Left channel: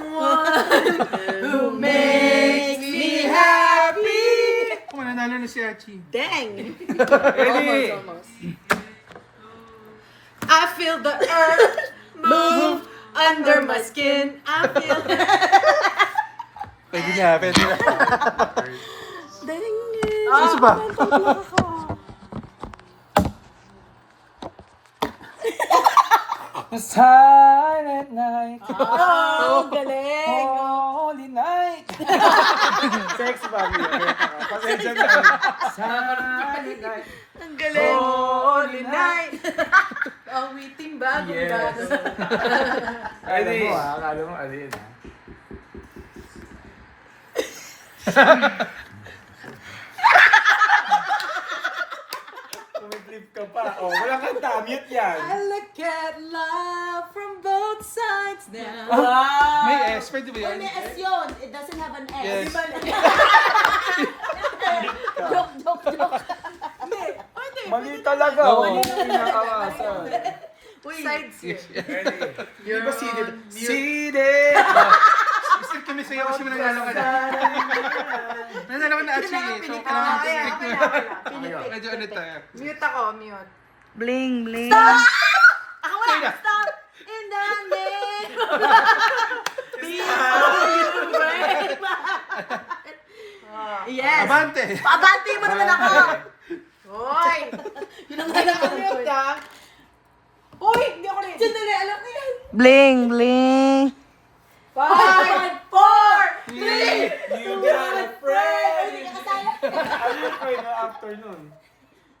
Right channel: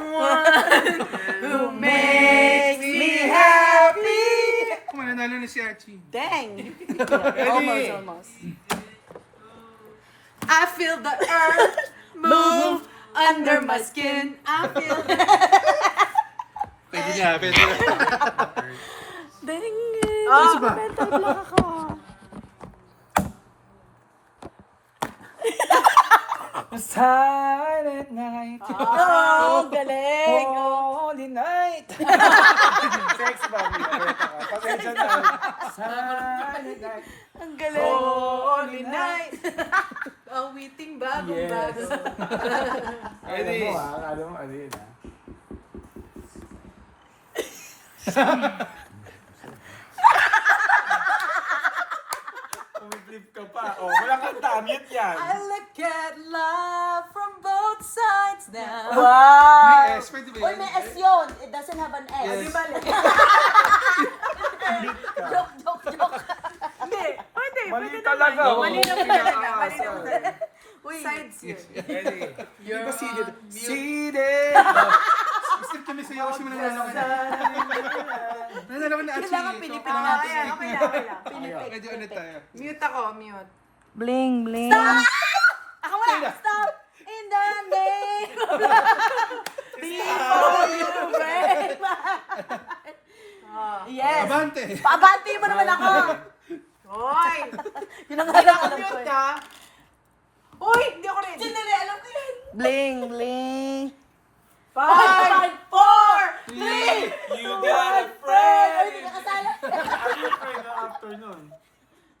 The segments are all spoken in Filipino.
one who makes me happy. Kung nanalo na si Archie. Dang! Ready? Almost. I feel the earth move under my skin. I feel the... Pwede na, pwede na. Dang! Isa ba? The silent night. Oh, galing! Holy night. Sex ba? Pasensya na. Silent night. Ang galing! Holy night! Awiting bagong bago. Ready? Akala mo, ano yun? Tumiklip ka pa. Oh, wala kang tamit yan. I look at love from both sides now. May S, pwede ba Uy, yan? may S yun. It doesn't have an S. Yes. Di ba? Joke. Hindi, pwede. Mali talaga. Mali Oh. naman talaga. Mali Pinaka-asa. naman talaga. Sides yun. Ready? You're Di ba seated? on mute. Seated! Gusto kami sa'yo kasi nanalo ka na. Nanalo ka na Archie. Kailangan So, pinipili. kailangan Kaya, strict na. pinipili. Medyo ulit tayo. Mute ako, mute. Bling, bling. Ako wala. Kaya. Stop. In the name. Before you break my heart. Yes. Abante! Paabante mo naman ako. Hoy. Yun ang Kailangan halakan ko. mute ah. Hoy, hindi ako ready. Sandali, alam ko yan. Bling, bling. 5, 4, 3. You got a friend! Hindi ka kasala. Ayun ko yung afternoon.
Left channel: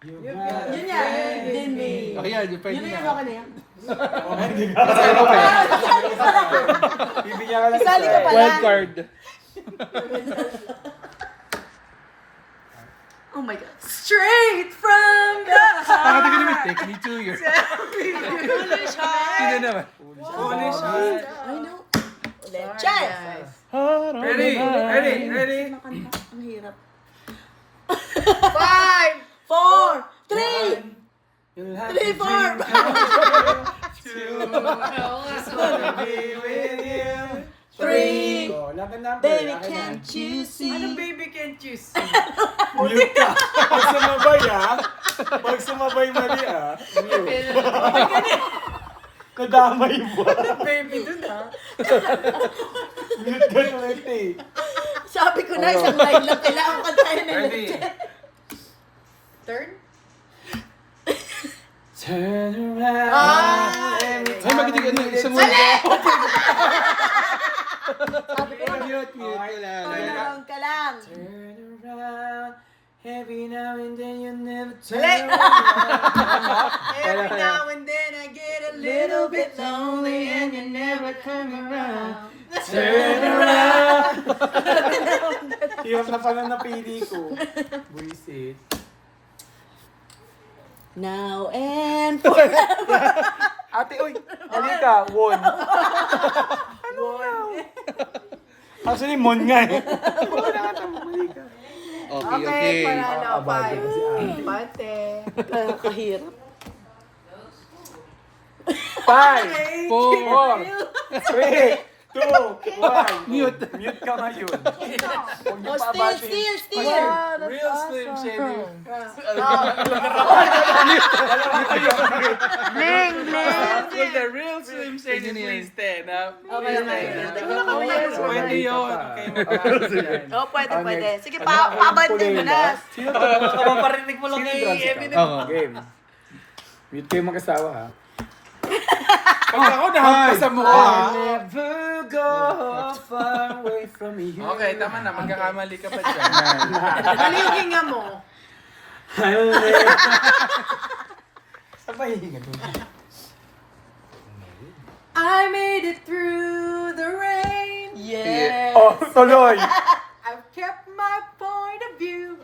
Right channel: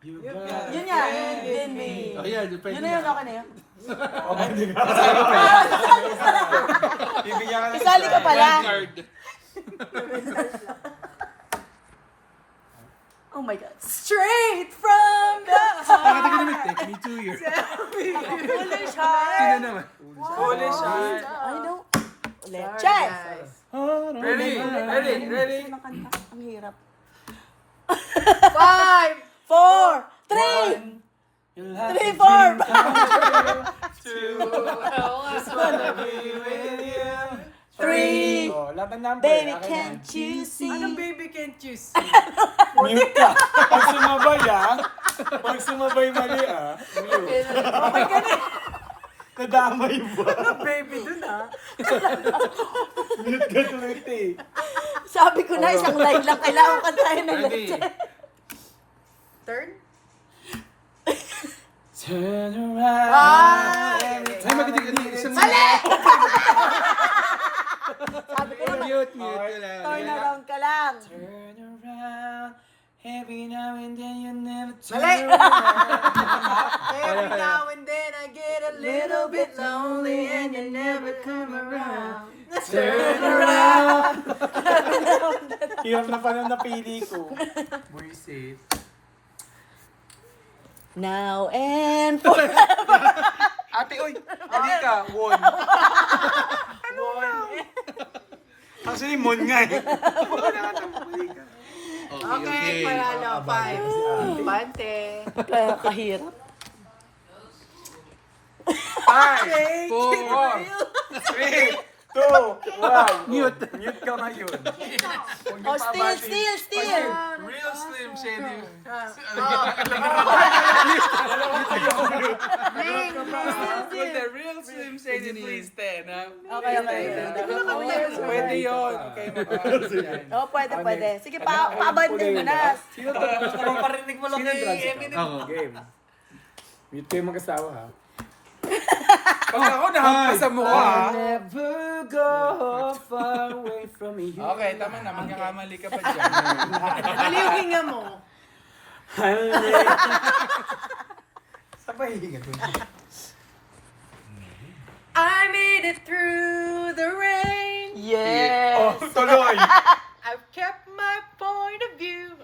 You got a Yun yan. friend. Din me. Oh, yan, pwede Yun na yun, na. okay na yan. Oh, hindi ka. Bibigyan ka lang. Isali ko pala. Wild card. Oh my God. Straight from the Bakit heart. ka naman? Take me to your... Foolish heart. Sino naman? Foolish heart. I know. Ulit. Sorry, Chance. guys. Ready? Ready? Ready? Makanta. Ang hirap. 5, 4, 3. You'll have 3, to 4. dream just wanna be with you. 3. Oh, laban number. Baby, Akin na. can't you see? Anong baby can't you see? Mute ka. Pag sumabay Pag sumabay mali mute. Nadamay ba? Baby dun ah. Mute ka ulit eh. Sabi ko na, isang line lang kailangan kantahin na Ready? Turn? Turn around. every Ay, maganda ka na. Isang time Mute, mute ka lang. Turn around ka lang. Turn around. Every now and then you never turn Mali. around. Every now and then I get a little bit lonely and you never come around. Turn around. Hirap na pa na napili ko. Buisit. Now and forever. Ate, oy! Ano ka? Won. Actually, mon nga eh. Okay, panalo. Abay, 5. si ate. Pante. Kahirap. 5, 4, 3, 2, 1. Mute. Mute ka ngayon. Huwag niyo Oh, pabati. still. Real Slim Shady. Bling, bling. With the real Slim Shady, please stand up. Okay, Pwede yun. Okay, mag-practice yan. Oh, pwede. Sige, paabante mo na. Sino to? Parinig mo lang kay Eminem. Game. Mute kayo mag-asawa ha. Pag ako nahampas sa mukha. I'll never go far away from you. Okay, tama na. Magkakamali ka pa dyan. Nalihinga mo. I'll never... Saan ba hihinga doon? I made it through the rain. Yeah. Oh, tuloy! I've kept my point of view.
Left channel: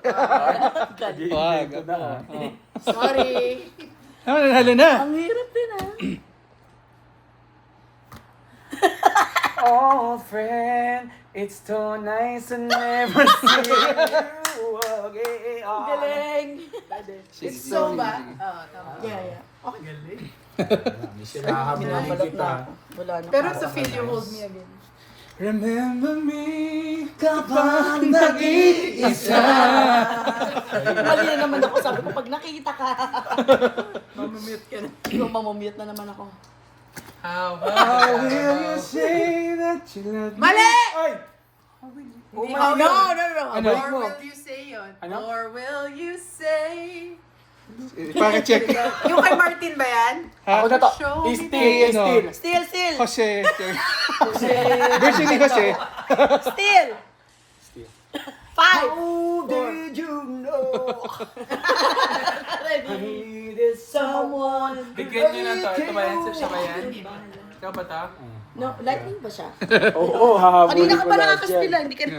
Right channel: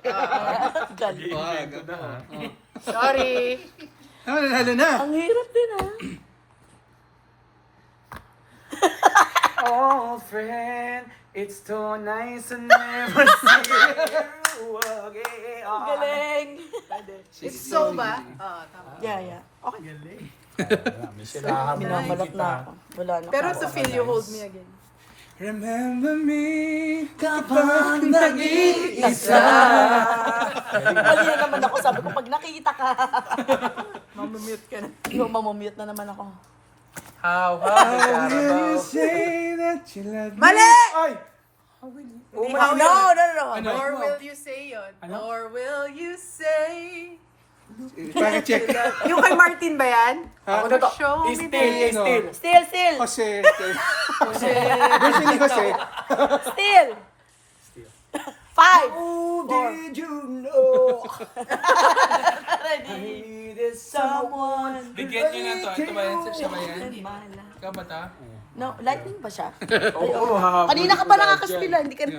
Galing. Wag. Ito na ha. Sorry. Ah, nanalo na. Ang hirap din Oh, friend, it's too nice to never see you again. Galing. It's so ba? Oo, tama. Yeah. Sinahabi namin kita. Wala na. Pero to feel you hold me again. Remember me Kapag nag-iisa. Mali na naman ako. Sabi ko, pag nakikita ka. Mamumute ka na. Yung mamamute na naman ako. How Will you say that you love me? Mali! Ay! No, no. Ano? Or will you say yun? Ano? Or will you say... Para check. Yung kay Martin ba yan? Ako na to. Show me Still, ano? still. Still, still. Jose. Jose. Version ni Jose. Still. Still. 5. How did you know? There's someone. Bigyan niyo na to. Ito ba yan? Siya ba yan? Ikaw ba ta? No, lightning ba siya? Oo, hahabulin Kanina ka ko pa lahat yan. nakakaspila, hindi ka na.